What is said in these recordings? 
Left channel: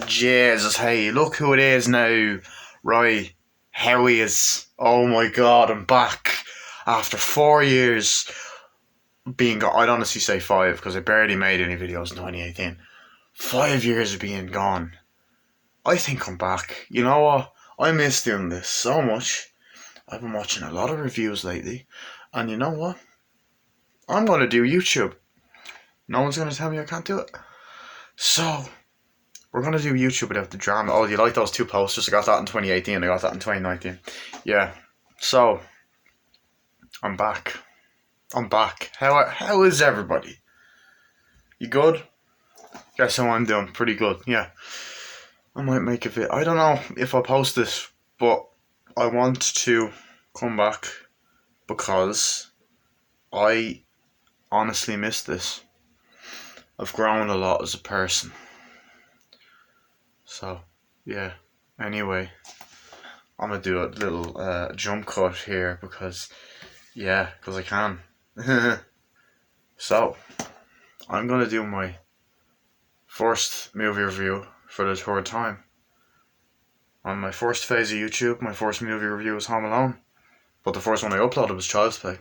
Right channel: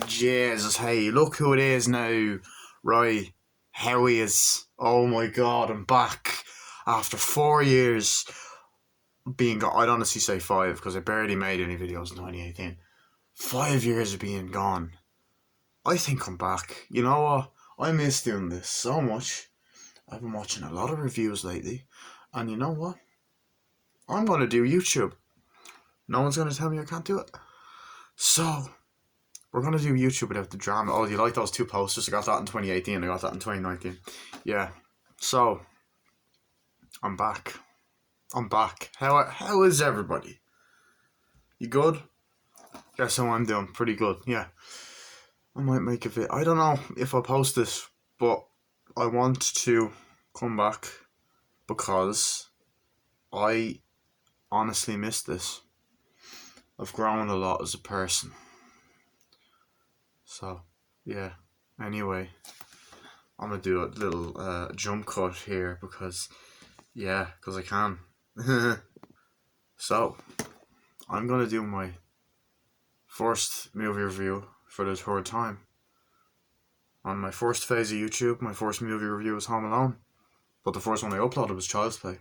Jesus, hey, look who it is now. Right, Howie is. Oh my god, I'm back. After 4 years being gone. I'd honestly say 5 because I barely made any videos in 2018. 5 years of being gone. I think I'm back. You know what? I miss doing this so much. I've been watching a lot of reviews lately. And you know what? I'm going to do YouTube. No one's going to tell me I can't do it. So, we're going to do YouTube without the drama. Oh, do you like those 2 posters? I got that in 2018. I got that in 2019. Yeah. So, I'm back. How is everybody? You good? Guess how I'm doing. Pretty good. Yeah. I might make a video. I don't know if I'll post this, but I want to come back because I honestly miss this. I've grown a lot as a person. So, yeah. Anyway, I'm going to do a little jump cut here because I can. So, I'm going to do my first movie review for the 3rd time. On my first phase of YouTube, my first movie review was Home Alone. But the first one I uploaded was Child's Play.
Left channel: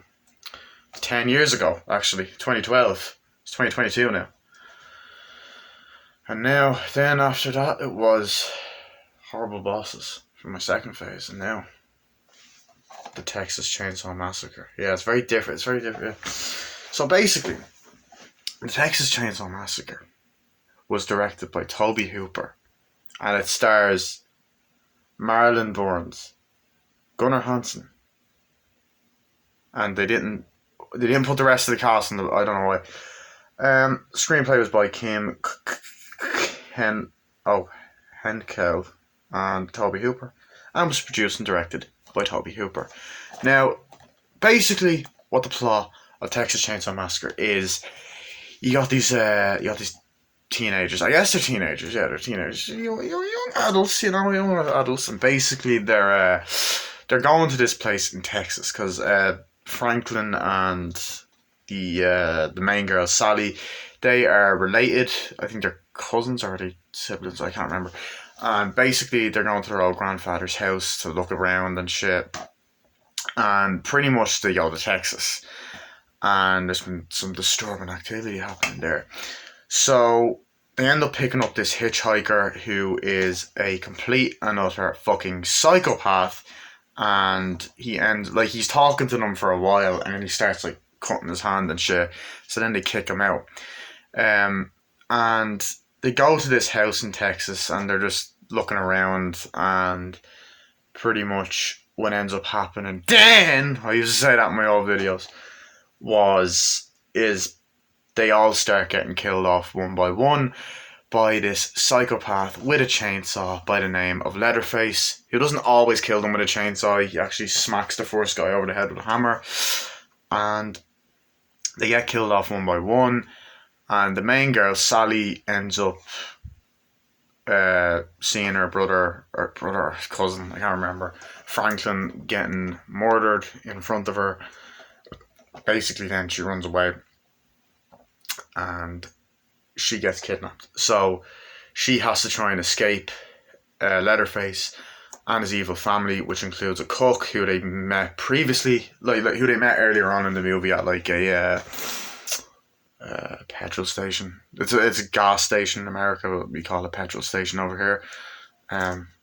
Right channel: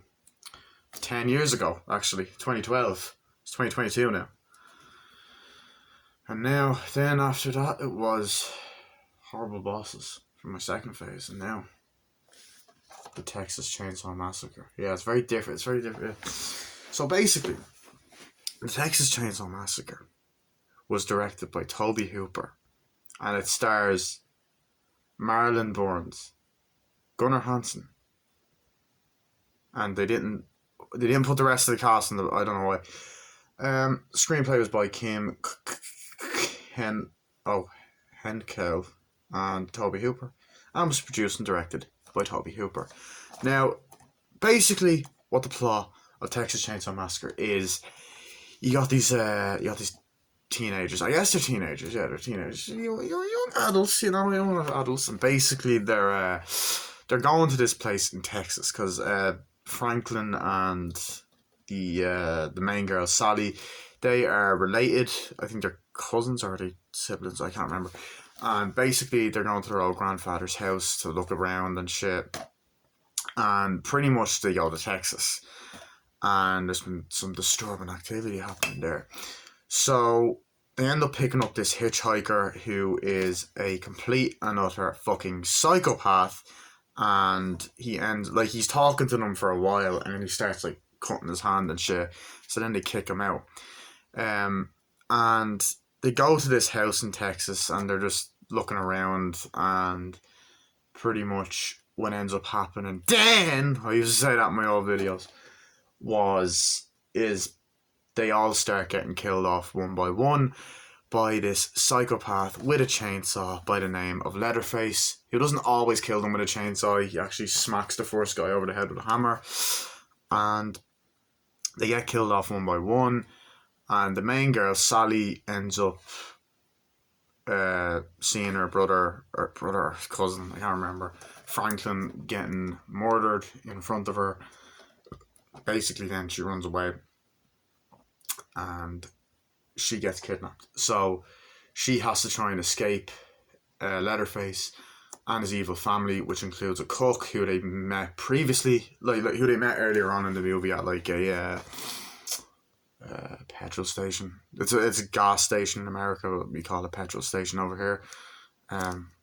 10 years ago, actually. 2012. It's 2022 now. And then after that, it was Horrible Bosses for my second phase. And now, the Texas Chainsaw Massacre. Yeah, it's very different. Yeah. So basically, the Texas Chainsaw Massacre was directed by Tobe Hooper. And it stars Marlon Burns, Gunnar Hansen. And they didn't put the rest of the cast in I don't know why. Screenplay was by Kim Henkel and Tobe Hooper, and was produced and directed by Tobe Hooper. Now, basically, what the plot of Texas Chainsaw Massacre is, you got these teenagers. I guess they're teenagers. Yeah, they're teenagers. Young adults, young adults, and basically they're going to this place in Texas because Franklin and the main girl Sally, they are related. I think they're cousins or are they siblings? I can't remember. And basically they're going to their old grandfather's house to look around and shit. And pretty much they go to Texas. And there's been some disturbing activity happening there. So they end up picking up this hitchhiker who is a complete and utter fucking psychopath. And he's talking to them for a while, and then he starts like cutting his hand and shit. So then they kick him out. And they go to this house in Texas, and they're just looking around, and pretty much what ends up happening then, I used to say that in my old videos, is they all start getting killed off one by one by this psychopath with a chainsaw by the name of Letterface, who doesn't always kill them with a chainsaw. He actually smacks the first guy over the head with a hammer, and they get killed off one by one. And the main girl, Sally, ends up seeing her brother or cousin, I can't remember, Franklin, getting murdered in front of her. Basically then she runs away and she gets kidnapped. So she has to try and escape Letterface and his evil family, which includes a cook who they met previously, like who they met earlier on in the movie at like a petrol station. It's a gas station in America, but we call it a petrol station over here.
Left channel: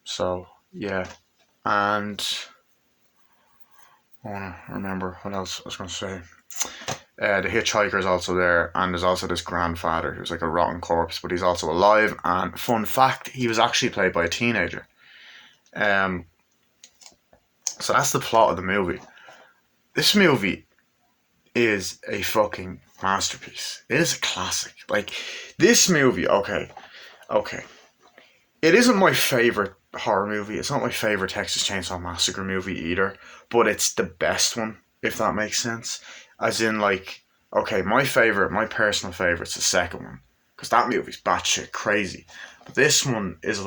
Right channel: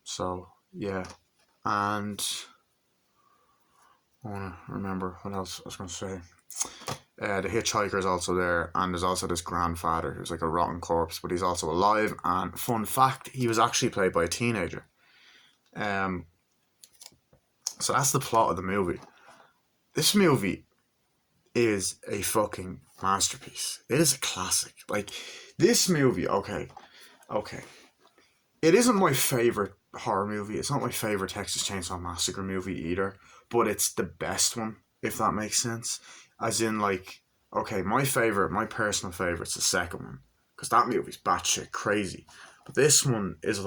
So yeah, and I want to remember what else I was going to say. The hitchhiker's also there, and there's also this grandfather who's like a rotten corpse, but he's also alive. And fun fact, he was actually played by a teenager. So that's the plot of the movie. This movie is a fucking masterpiece. It is a classic. Like, this movie, okay. It isn't my favourite horror movie. It's not my favourite Texas Chainsaw Massacre movie either, but it's the best one, if that makes sense. As in, like, okay, my personal favourite's the second one, because that movie's batshit crazy. But this one is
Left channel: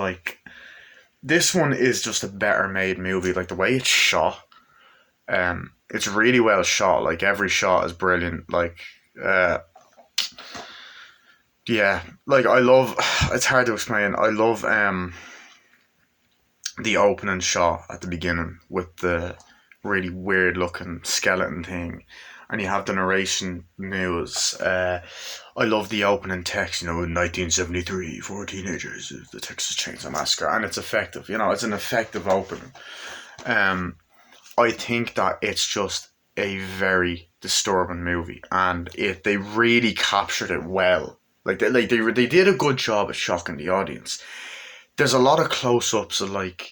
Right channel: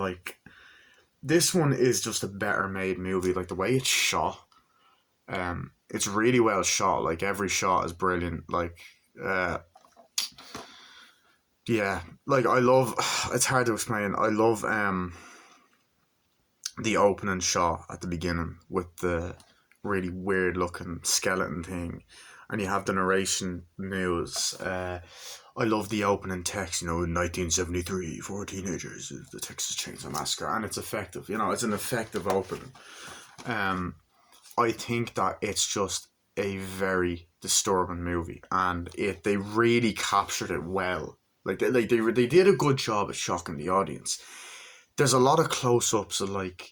just a better made movie. Like, the way it's shot, it's really well shot. Like, every shot is brilliant. Like, Yeah, like I love. It's hard to explain. I love the opening shot at the beginning with the really weird looking skeleton thing, and you have the narration news. I love the opening text. In 1973, four teenagers, the Texas Chainsaw Massacre, and it's effective. It's an effective opening. Um, I think that it's just a very disturbing movie, and they really captured it well. They did a good job at shocking the audience. There's a lot of close-ups of like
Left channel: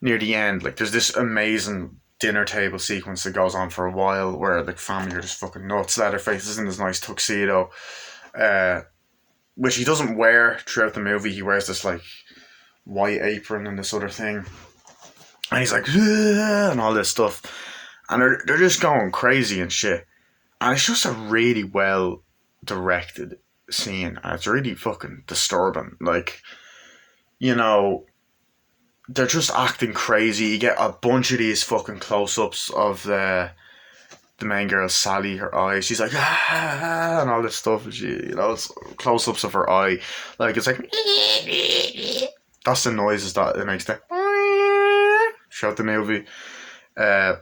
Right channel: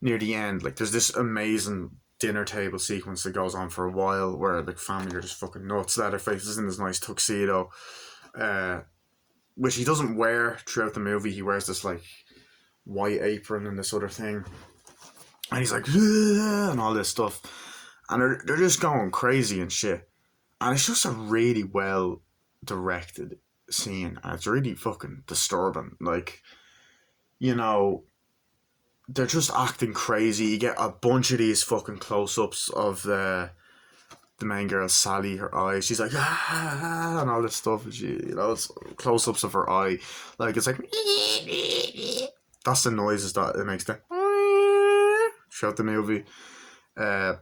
near the end. Like there's this amazing dinner table sequence that goes on for a while where the family are just fucking nuts. Letterface is in his nice tuxedo, uh, which he doesn't wear throughout the movie. He wears this like white apron and this other thing, and he's like and all this stuff, and they're just going crazy and shit. And it's just a really well directed scene, and it's really fucking disturbing. Like you know, they're just acting crazy. You get a bunch of these fucking close ups of the main girl Sally, her eyes. She's like and all this stuff. And it's close ups of her eye. Like it's like that's the noises that it makes. Throughout the movie. Uh,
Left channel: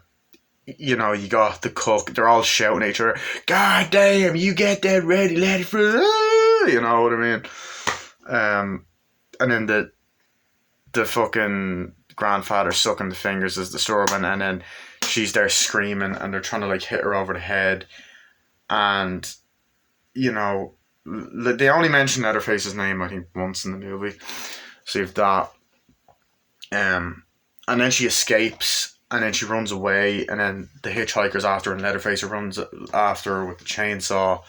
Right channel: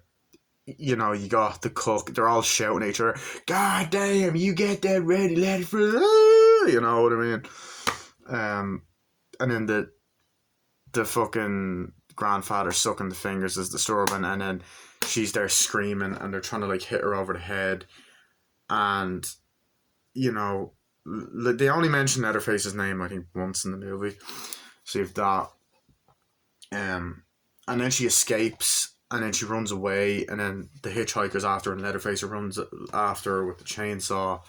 you got the cook. They're all shouting at each other. God damn, you get that ready, let it through. You know what I mean? And then the fucking grandfather sucking the fingers is disturbing, and then she's there screaming, and they're trying to like hit her over the head, and they only mention Letterface's name I think once in the movie, so you have that, and then she escapes, and then she runs away, and then the hitchhiker's after her, and Letterface runs after her with the chainsaw,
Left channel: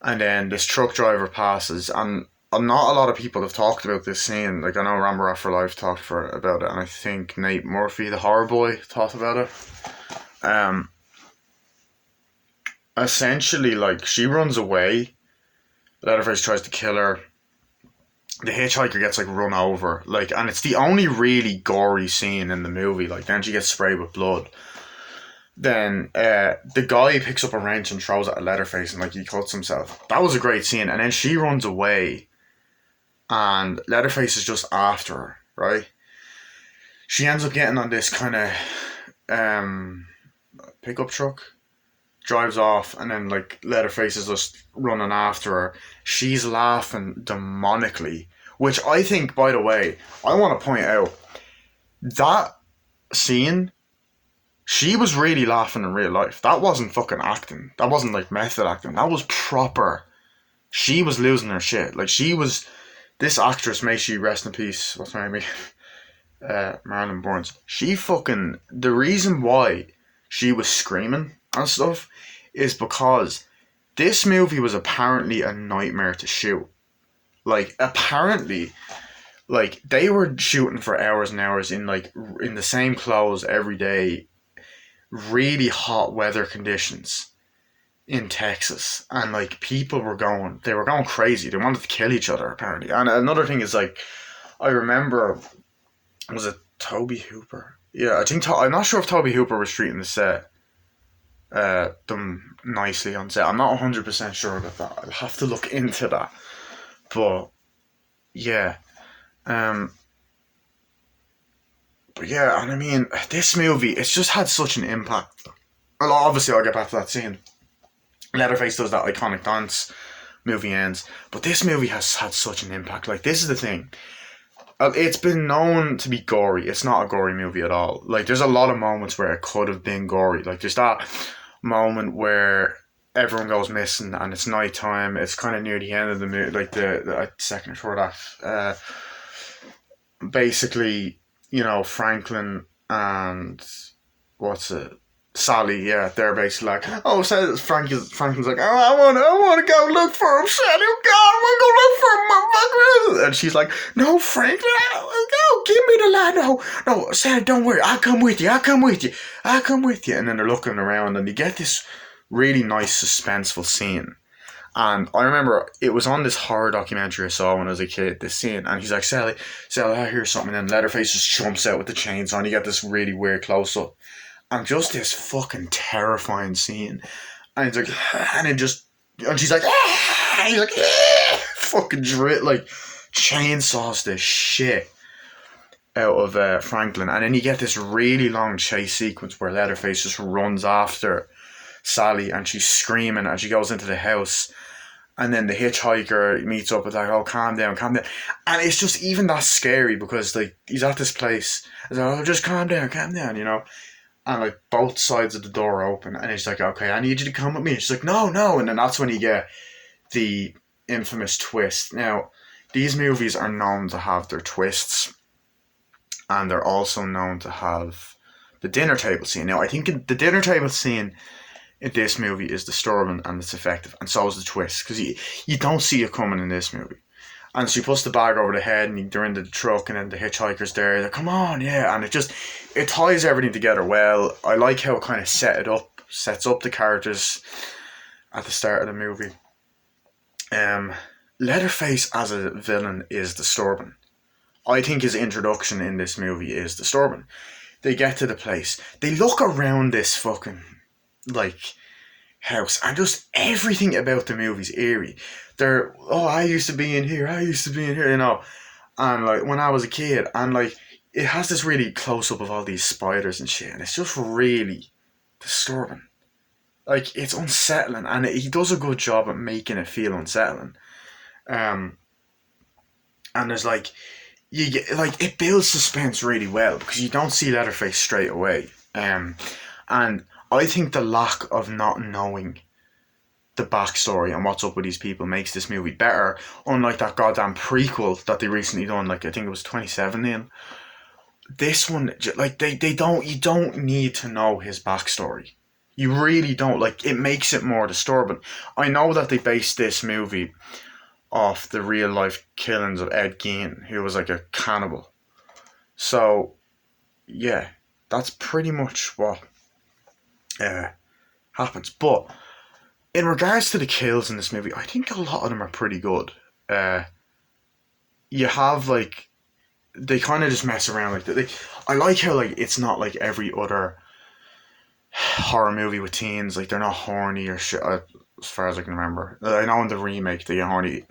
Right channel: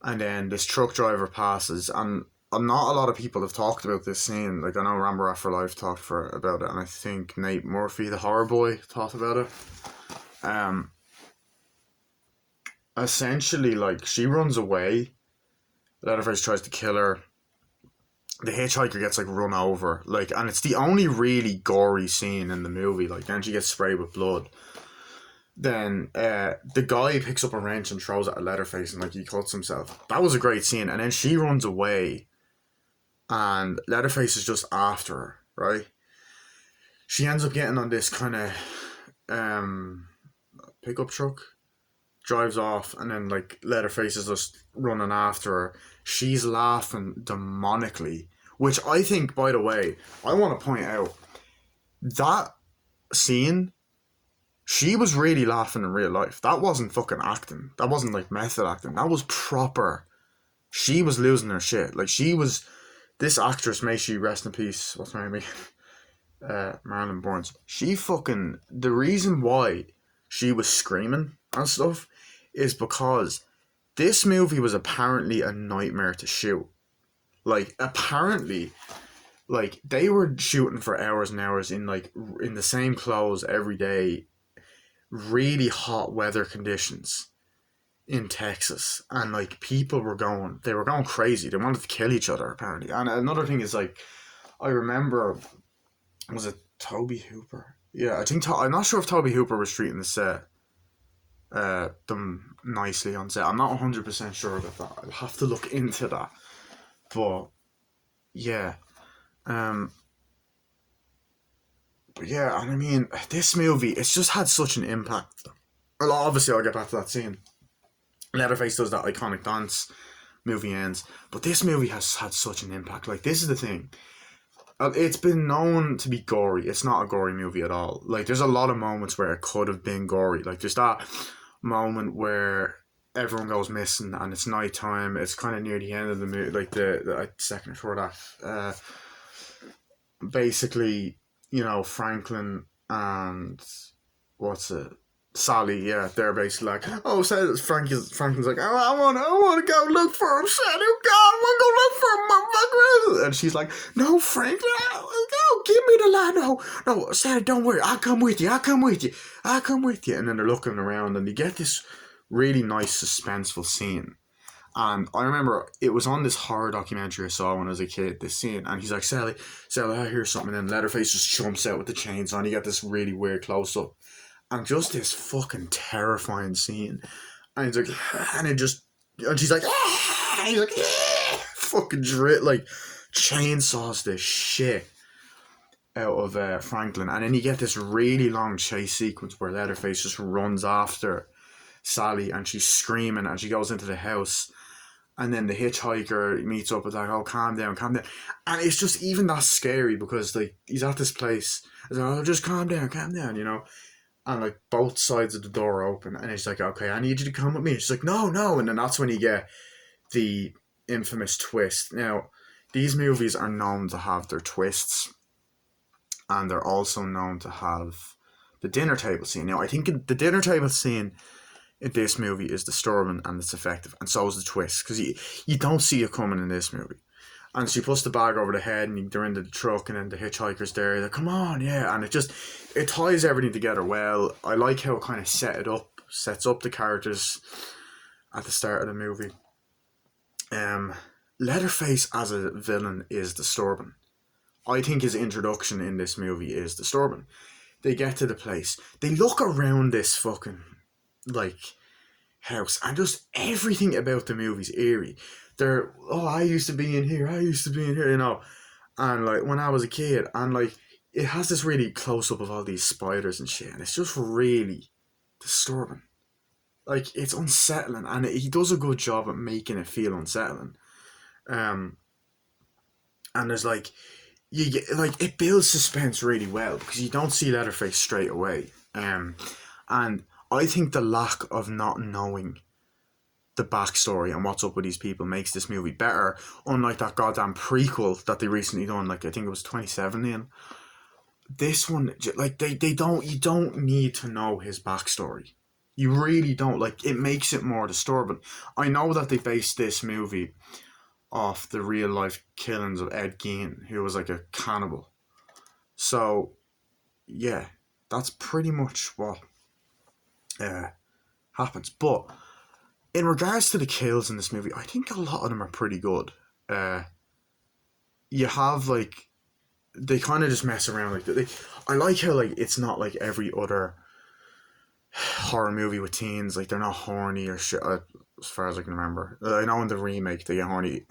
and then this truck driver passes, and not a lot of people have talked about this scene. Like I know Rambo After Life talked about it, and I think Nate Murphy, the horror boy, talked about it. Essentially, like she runs away. Leatherface tries to kill her. The hitchhiker gets like run over, like, and it's the only really gory scene in the movie. Like then she gets sprayed with blood. Then the guy picks up a wrench and throws it at Leatherface, and like he cuts himself. That was a great scene, and then she runs away. And Leatherface is just after her, right? She ends up getting on this kind of pickup truck, drives off, and then like Leatherface is just running after her. She's laughing demonically, which I think, by the way, I want to point out that scene. She was really laughing in real life. That wasn't fucking acting. That wasn't like method acting. That was proper. She was losing her shit. Like she was. This actress, may she rest in peace, what's her name? Marilyn Burns. She fucking. The reason why she was screaming and stuff is because this movie was apparently a nightmare to shoot. Like, apparently, like, they were shooting for hours and hours in the same clothes every day, really hot weather conditions in Texas, and like they were going crazy. They wanted to kill each other apparently. And another thing is like, I remember, was it Toby Hooper? Yeah, I'm not sure if Toby Hooper was treating the set them nicely on set. I'm not 100% sure about that. I'll have to look into that. But yeah, um, but yeah, and I mean, this movie, it's just had such an impact. Well, obviously, I'll get back to that scene. Leatherface does that iconic dance, movie ends. But this movie has had such an impact. Like, this is the thing. It's been known to be gory. It's not a gory movie at all. Like, there's a lot of moments where it could have been gory. Like, there's that moment where everyone goes missing and it's nighttime. It's kind of near the end of the movie, like the second or third act. Basically, Franklin and what's it? Sally, yeah, they're basically like, oh, so Franklin's like, oh, I want to go look for him, Sally. God, I want to go look for him, motherfucker. And she's like, no, Franklin, no, give me the line. No, Sally, don't worry, I'll come with you. And then they're looking around, and you get this really nice, suspenseful scene. And I remember it was on this horror documentary I saw when I was a kid, this scene, and he's like, Sally, I hear something, and then Leatherface just jumps out with the chainsaw, and you get this really weird close-up. And just this fucking terrifying scene. And it's like, and she's like, he's like, fucking like chainsaws the shit out of Franklin, and then you get this really long chase sequence where Leatherface just runs after Sally, and she's screaming as she goes into the house, and then the hitchhiker meets up with like, oh, calm down, calm down, and it's just even that scary because like he's at this place, and like, oh, just calm down, you know, and like both sides of the door open, and he's like, okay, I need you to come with me. She's like, no, no, and then that's when you get the infamous twist. Now, these movies are known to have their twists, and they're also known to have the dinner table scene. Now, I think the dinner table scene in this movie is disturbing and it's effective, and so is the twist, because you don't see it coming in this movie. And she puts the bag over the head, and they're in the truck, and then the hitchhiker's there. They're like, come on, yeah, and it ties everything together well. I like how it kind of sets up the characters at the start of the movie. Leatherface as a villain is disturbing. I think his introduction in this movie is disturbing. They get to the place, they look around this fucking like house, and just everything about the movie's eerie. They're, oh, I used to be in here, you know, and like when I was a kid, and like it has this really close up of all these spiders and shit, and it's just really disturbing. Like, it's unsettling, and he does a good job at making it feel unsettling. Um, and there's like, you get like, it builds suspense really well because you don't see Leatherface straight away. And I think the lack of not knowing the backstory and what's up with these people makes this movie better. Unlike that goddamn prequel that they recently done, like I think it was 2017. This one, like they don't, you don't need to know his backstory. You really don't. Like, it makes it more disturbing. I know that they based this movie off the real life killings of Ed Gein, who was like a cannibal. So, yeah, that's pretty much what happens. But in regards to the kills in this movie, I think a lot of them are pretty good. You have like, they kind of just mess around like that. I like how like it's not like every other horror movie with teens. Like, they're not horny or shit. As far as I can remember, I know in the remake they get horny.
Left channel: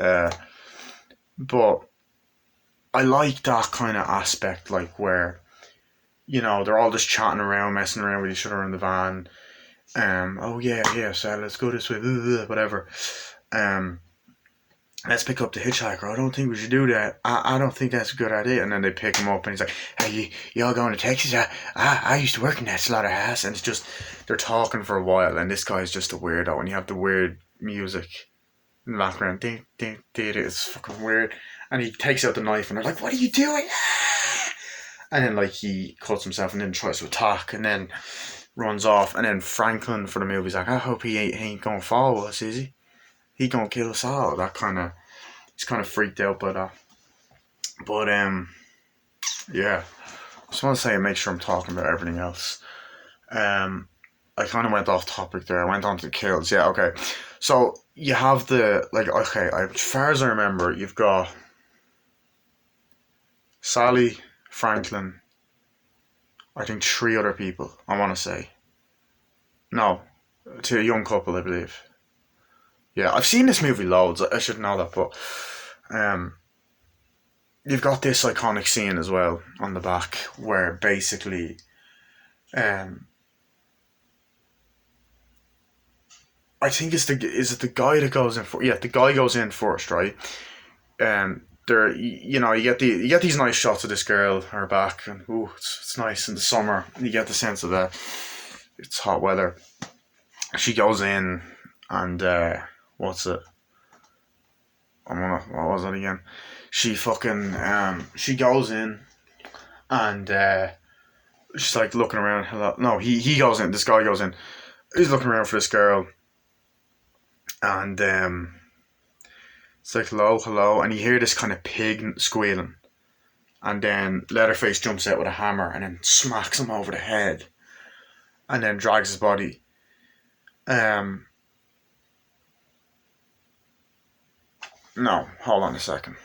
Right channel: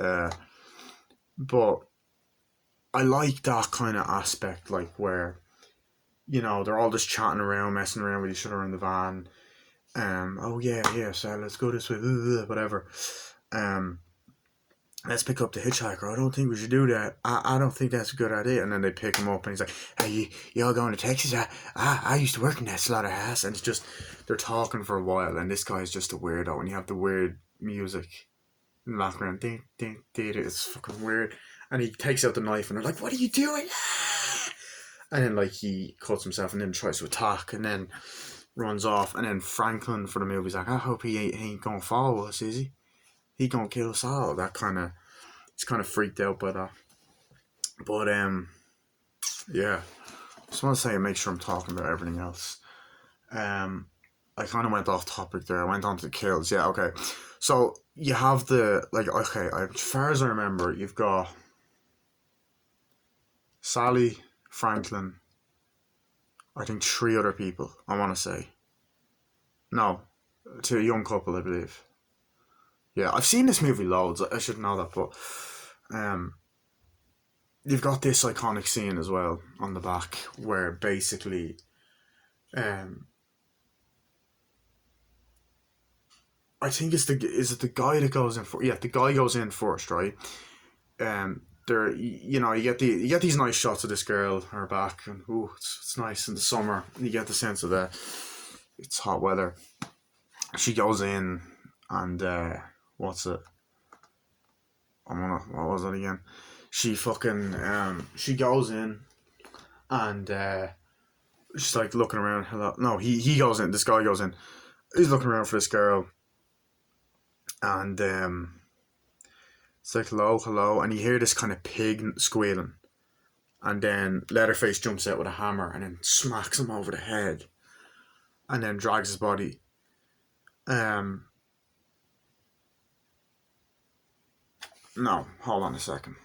But I like that kind of aspect, like where, you know, they're all just chatting around, messing around with each other in the van. Oh yeah, so let's go this way, whatever. Let's pick up the hitchhiker. I don't think we should do that. I don't think that's a good idea. And then they pick him up, and he's like, hey, you all going to Texas? I used to work in that slaughterhouse. And it's just, they're talking for a while, and this guy's just a weirdo, and you have the weird music in the background. Ding, ding, ding, it's fucking weird. And he takes out the knife, and they're like, what are you doing? And then, like, he cuts himself and then tries to attack, and then runs off. And then Franklin for the movie's like, I hope he ain't gonna follow us, is he? He gonna kill us all. That kind of, he's kind of freaked out by that. But yeah, just want to say, make sure I'm talking about everything else. I kind of went off topic there. I went on to the kills. Yeah, okay. So you have the, like, okay, as far as I remember, you've got Sally, Franklin, I think 3 other people, I want to say. No, 2, a young couple, I believe. Yeah, I've seen this movie loads. I should know that, but you've got this iconic scene as well on the back where basically I think is it the guy that goes in for, yeah, the guy goes in first, right? There, you know, you get these nice shots of this girl, her back, and ooh, it's nice in the summer. You get the sense of it's hot weather. She goes in, and what's it? What was it again? She fucking she goes in, and she's like looking around. Hello, no, he goes in. This guy goes in. He's looking around for this girl, and it's like hello, and you hear this kind of pig squealing, and then Leatherface jumps out with a hammer and then smacks him over the head, and then drags his body. No, hold on a second.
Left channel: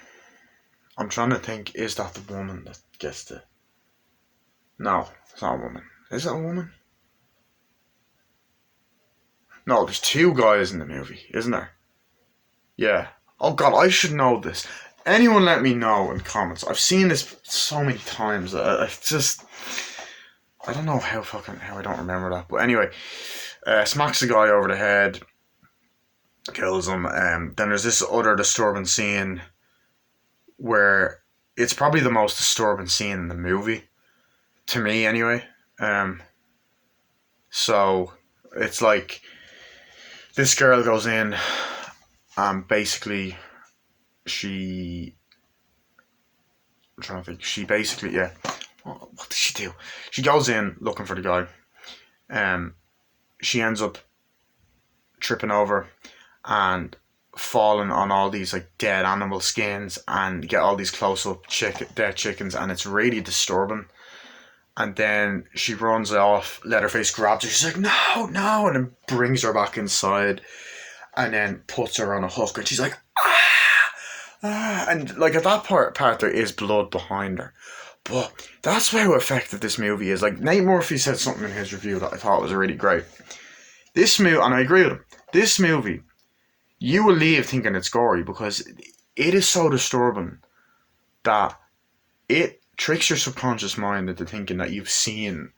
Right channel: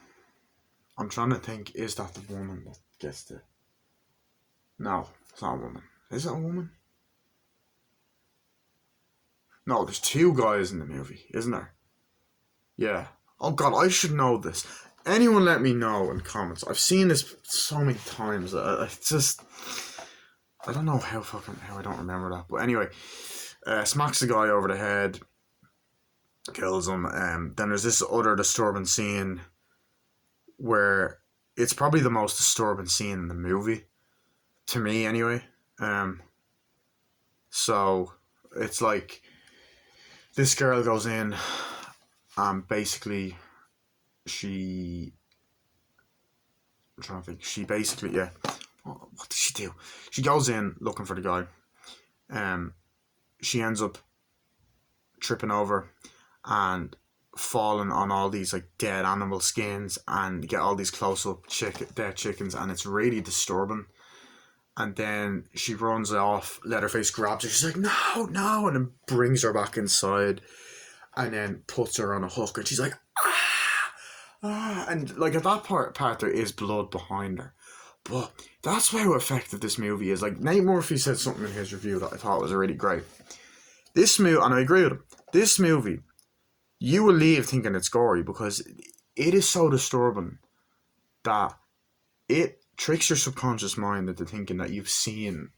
I'm trying to think. Is that the woman that gets the? No, it's not a woman. Is it a woman? No, there's 2 guys in the movie, isn't there? Yeah. Oh god, I should know this. Anyone let me know in comments. I've seen this so many times. I just I don't know how I don't remember that. But anyway, smacks the guy over the head, kills him. Then there's this other disturbing scene where it's probably the most disturbing scene in the movie, to me anyway. Um, so it's like this girl goes in and basically she I'm trying to think. She basically, yeah. What did she do? She goes in looking for the guy. Um, she ends up tripping over and falling on all these like dead animal skins and get all these close up dead chickens, and it's really disturbing. And then she runs off. Letterface grabs her. She's like, "No, no!" and then brings her back inside, and then puts her on a hook. And she's like, and like at that part there is blood behind her. But that's how effective this movie is. Like Nate Murphy said something in his review that I thought was really great. This movie, and I agree with him, this movie, you will leave thinking it's gory because it is so disturbing that it tricks your subconscious mind into thinking that you've seen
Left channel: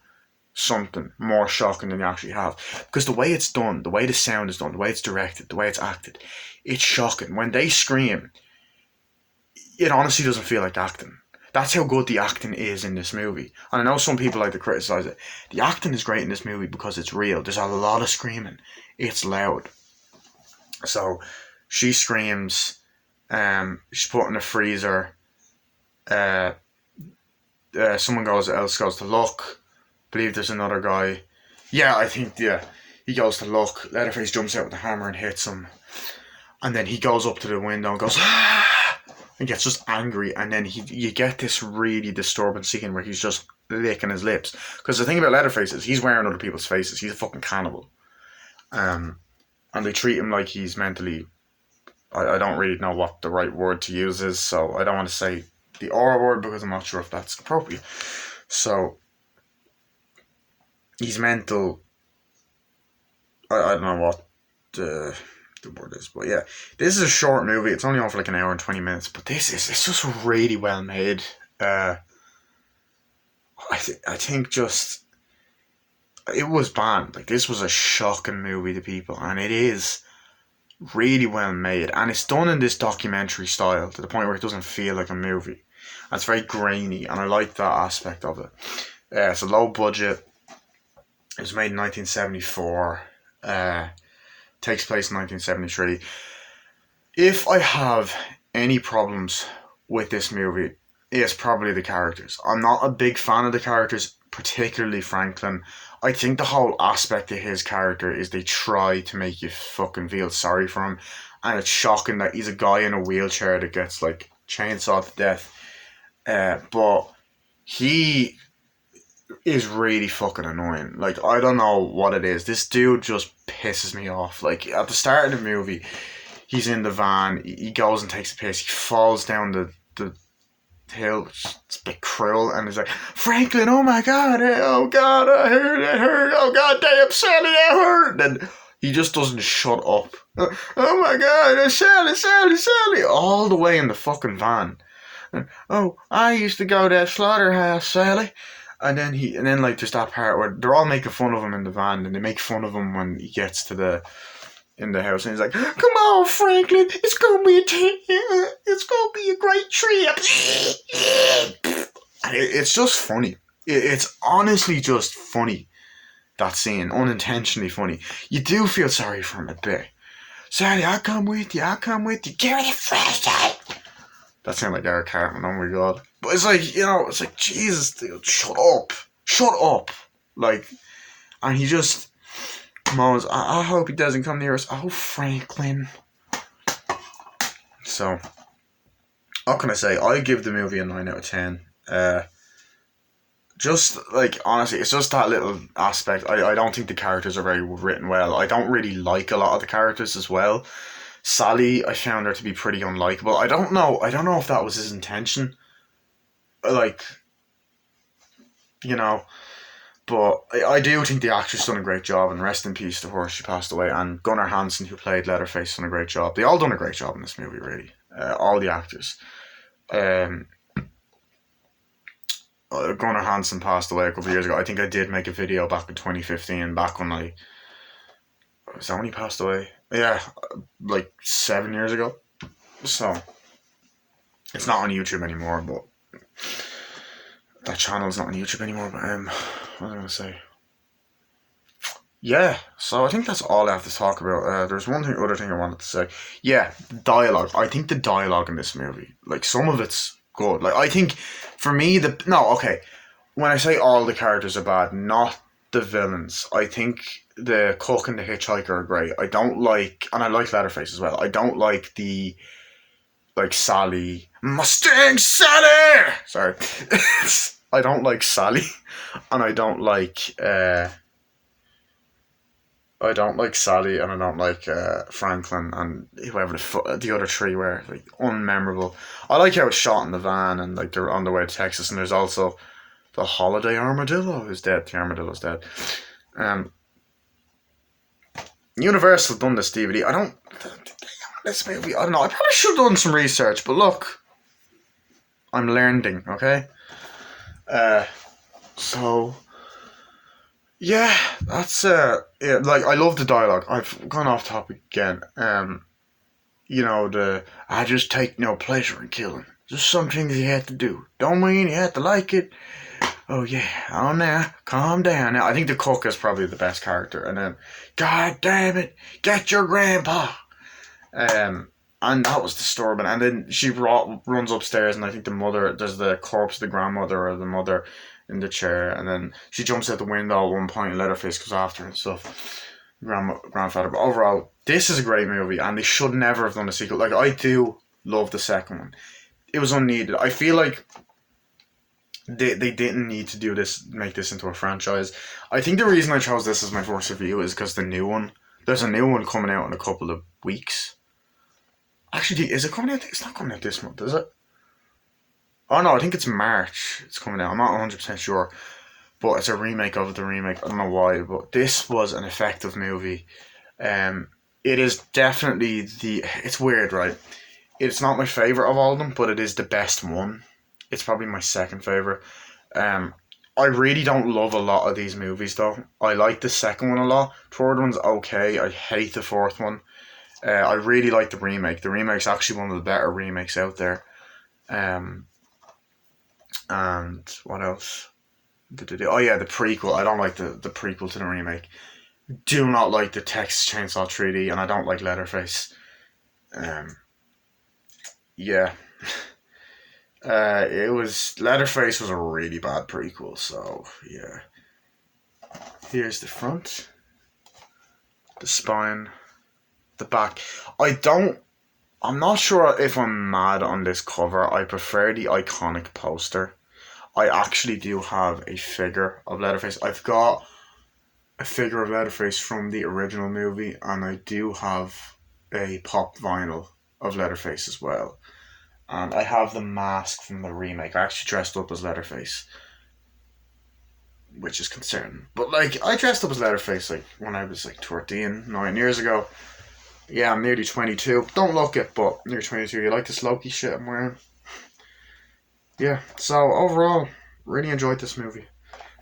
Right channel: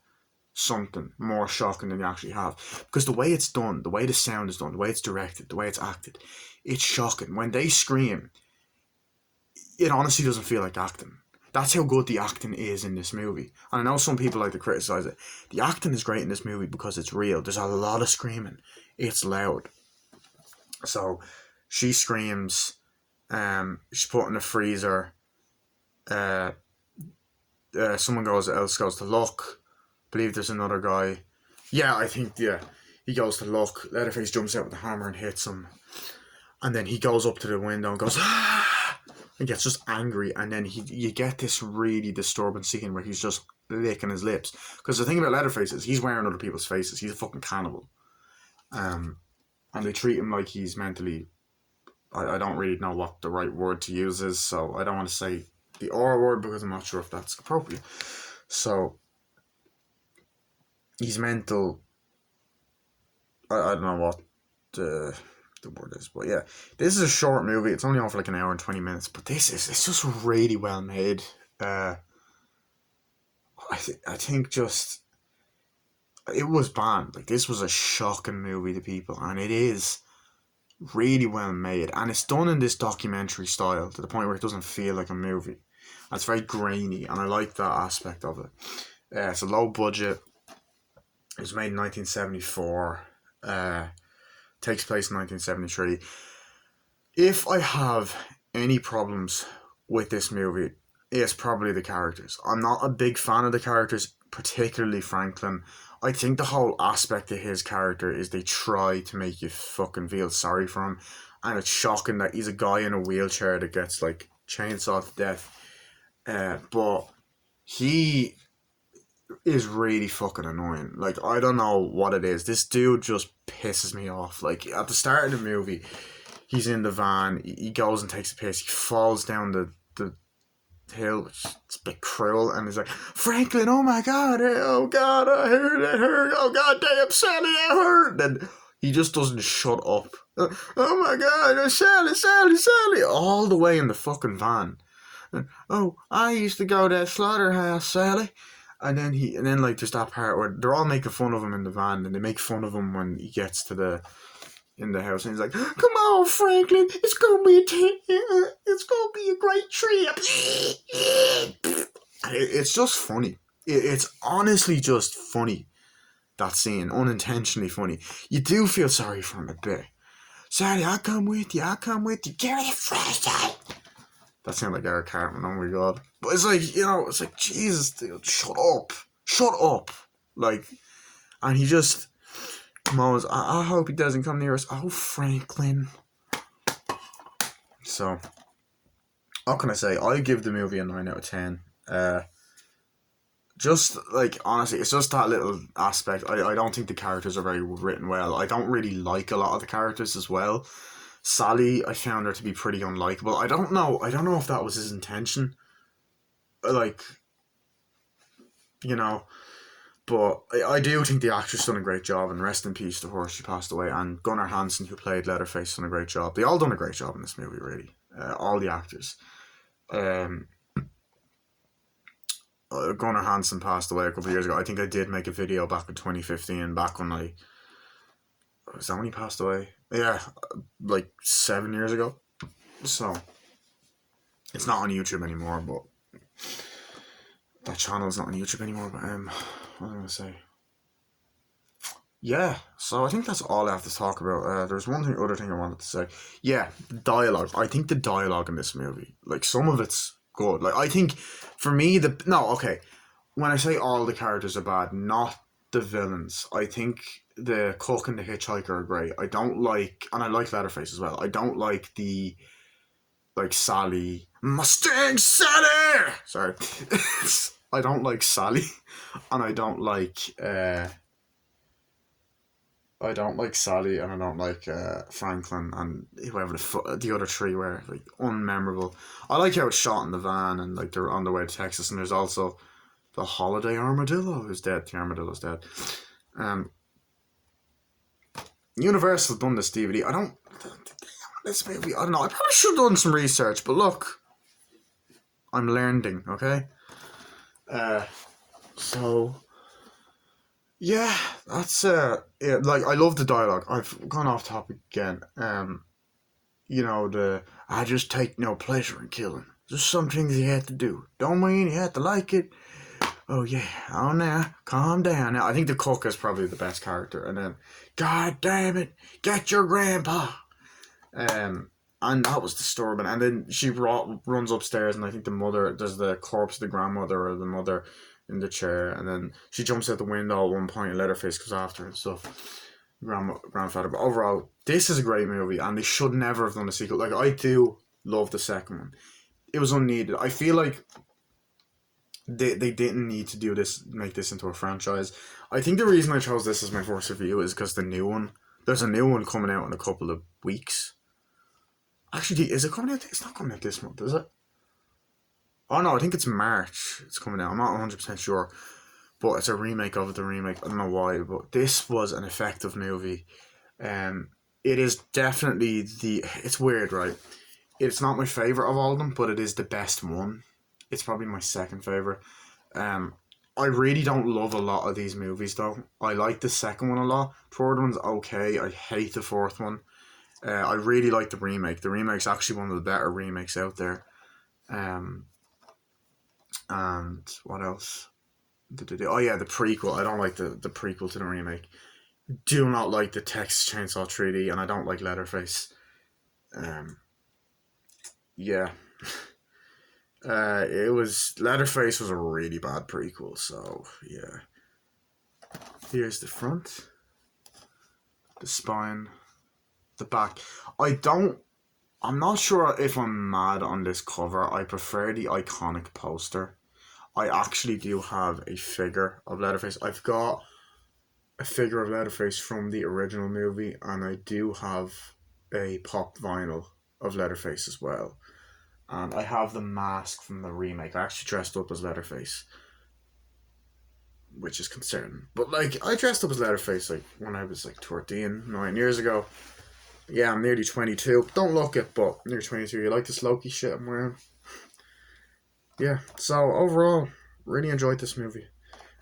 something more shocking than you actually have. Because the way it's done, the way the sound is done, the way it's directed, the way it's acted, it's shocking. When they scream, it honestly doesn't feel like acting. That's how good the acting is in this movie. And I know some people like to criticize it. The acting is great in this movie because it's real. There's a lot of screaming. It's loud. So she screams. She's put in a freezer. Someone else goes to look. I believe there's another guy. Yeah, I think, yeah. He goes to look. Leatherface jumps out with the hammer and hits him. And then he goes up to the window and goes, ah! And gets just angry. And then you get this really disturbing scene where he's just licking his lips. Because the thing about Leatherface is he's wearing other people's faces. He's a fucking cannibal. And they treat him like he's mentally... I don't really know what the right word to use is, so I don't want to say the R word because I'm not sure if that's appropriate. So, he's mental... I don't know what the word is, but yeah. This is a short movie. It's only on for like an hour and 20 minutes, but it's just really well made. I think just... It was banned. Like, this was a shocking movie to people, and it is really well made, and it's done in this documentary style to the point where it doesn't feel like a movie. And it's very grainy, and I like that aspect of it. It's a low budget. It was made in 1974. Takes place in 1973. If I have any problems with this movie, it's probably the characters. I'm not a big fan of the characters, particularly Franklin. I think the whole aspect of his character is they try to make you fucking feel sorry for him, and it's shocking that he's a guy in a wheelchair that gets like chainsawed to death. But he is really fucking annoying. Like, I don't know what it is. This dude just pisses me off. Like, at the start of the movie, he's in the van, he goes and takes a piss, he falls down the hill. It's a bit cruel, and he's like, Franklin, oh my god, oh god, I hurt, oh god damn, Sally, I hurt. Then he just doesn't shut up. Oh my god, Sally, all the way in the fucking van. Oh, I used to go to that slaughterhouse, Sally. And then like there's that part where they're all making fun of him in the van, and they make fun of him when he gets to in the house, and he's like, "Come on, Franklin, it's gonna be a great trip." And it's just funny. It's honestly just funny. That scene, unintentionally funny. You do feel sorry for him a bit. Sally, I'll come with you. Give me the flashlight. That sounds like Eric Cartman, oh my god. But it's like, it's like, Jesus, dude, shut up. Like, and he just moans, I hope he doesn't come near us. Oh, Franklin. So, what can I say? I give the movie a 9 out of 10. Just, like, honestly, it's just that little aspect. I don't think the characters are very written well. I don't really like a lot of the characters as well. Sally, I found her to be pretty unlikable. I don't know if that was his intention. Like, But I do think the actress done a great job, and rest in peace to her, she passed away. And Gunnar Hansen, who played Letterface, done a great job. They all done a great job in this movie, really. All the actors. Um, Gunnar Hansen passed away a couple of years ago. I think I did make a video back in 2015, back when was that when he passed away? Yeah, like 7 years ago. So, it's not on YouTube anymore, but that channel's not on YouTube anymore, but what was I going to say? Yeah, so I think that's all I have to talk about. There's other thing I wanted to say. Yeah, dialogue. I think the dialogue in this movie, like some of it's good. Like I think, for me, okay. When I say all the characters are bad, not the villains. I think the cook and the hitchhiker are great. I don't like, and I like Letterface as well. I don't like Sally, Mustang Sally. Sorry, I don't like Sally, and I don't like Sally, and I don't like Franklin, and whoever the other three were, like, unmemorable. I like how it's shot in the van, and like they're on the way to Texas, and there's also the holiday armadillo is dead. The armadillo's dead. Universal done this DVD. I don't. This movie, I don't know. I probably should have done some research, but look, I'm learning. Okay. So yeah, that's yeah, like I love the dialogue. I've gone off topic again. I just take no pleasure in killing. Just some things you have to do. Don't mean you have to like it. Oh yeah, oh now, calm down. Now I think the cook is probably the best character, and then, God damn it, get your grandpa. And that was disturbing. And then she runs upstairs, and I think there's the corpse of the grandmother or the mother in the chair, and then she jumps out the window at one point, and Letterface goes after her and stuff. Grandfather. But overall, this is a great movie, and they should never have done a sequel. Like, I do love the second one. It was unneeded. I feel like they didn't need to make this into a franchise. I think the reason I chose this as my first review is because there's a new one coming out in a couple of weeks. Actually, is it coming out? It's not coming out this month, is it? Oh no, I think it's March. It's coming out. I'm not 100% sure, but it's a remake of the remake. I don't know why, but this was an effective movie. It is definitely It's weird, right? It's not my favorite of all of them, but it is the best one. It's probably my second favorite. I really don't love a lot of these movies though. I like the second one a lot. Third one's okay. I hate the fourth one. I really like the remake. The remake's actually one of the better remakes out there. And what else? Oh yeah, the prequel. I don't like the prequel to the remake. Do not like the Texas Chainsaw 3D, and I don't like Letterface. Yeah. Letterface was a really bad prequel, so yeah. Here's the front, the spine, the back. I'm not sure if I'm mad on this cover. I prefer the iconic poster. I actually do have a figure of Letterface. I've got a figure of Letterface from the original movie, and I do have a pop vinyl of Letterface as well. And I have the mask from the remake. I actually dressed up as Letterface, which is concerning. But like, I dressed up as Letterface like when I was like 9 years ago. Yeah, I'm nearly 22. Don't look it, but near 22. You like this Loki shit I'm wearing? Yeah. So overall, really enjoyed this movie.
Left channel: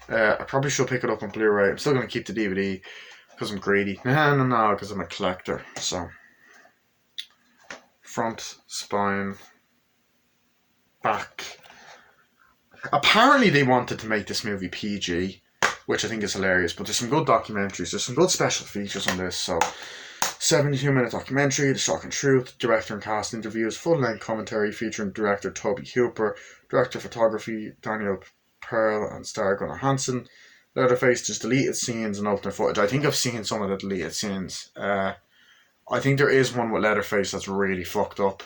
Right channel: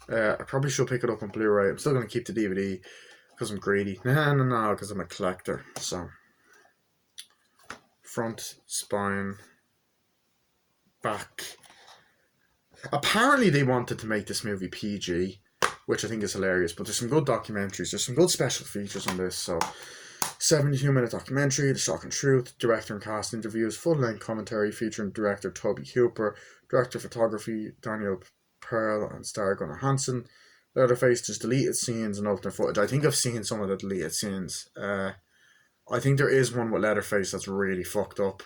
I probably should pick it up on Blu-ray. I'm still gonna keep the DVD because I'm greedy. No, because I'm a collector. So front, spine, back. Apparently they wanted to make this movie PG, which I think is hilarious, but there's some good documentaries, there's some good special features on this. So 72-minute documentary, The Shocking Truth, director and cast interviews, full-length commentary featuring director Toby Hooper, director of photography Daniel Pearl, and star Gunnar Hansen. Letterface, just deleted scenes and alternate footage. I think I've seen some of the deleted scenes. I think there is one with Letterface that's really fucked up,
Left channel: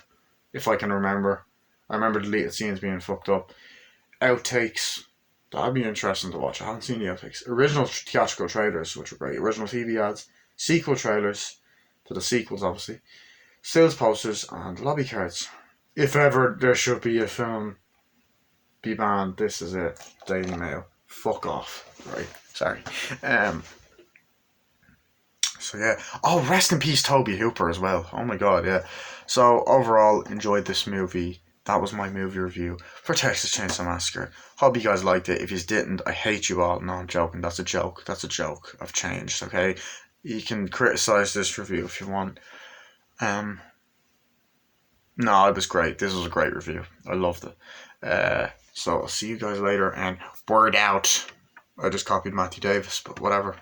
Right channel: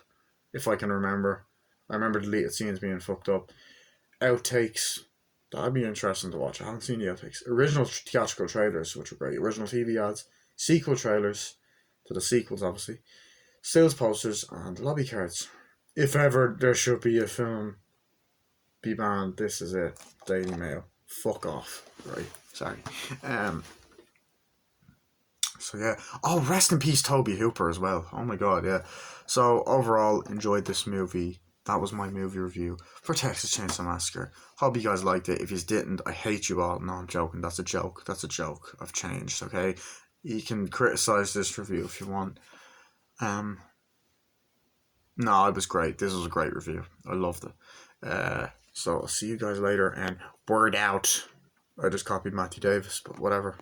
if I can remember. I remember deleted scenes being fucked up. Outtakes. That'd be interesting to watch. I haven't seen the outtakes. Original theatrical trailers, which are great. Original TV ads. Sequel trailers to the sequels, obviously. Sales posters and lobby cards. If ever there should be a film be banned, this is it. Daily Mail. fuck off. Right, sorry. So yeah. Oh, rest in peace, Toby Hooper as well. Oh my god, yeah. So overall, enjoyed this movie. That was my movie review for Texas Chainsaw Massacre. Hope you guys liked it. If you didn't, I hate you all. No, I'm joking. That's a joke. That's a joke. I've changed. Okay, you can criticize this review if you want. Um, no, it was great. This was a great review. I loved it. So I'll see you guys later. And word out. I just copied Matthew Davis, but whatever.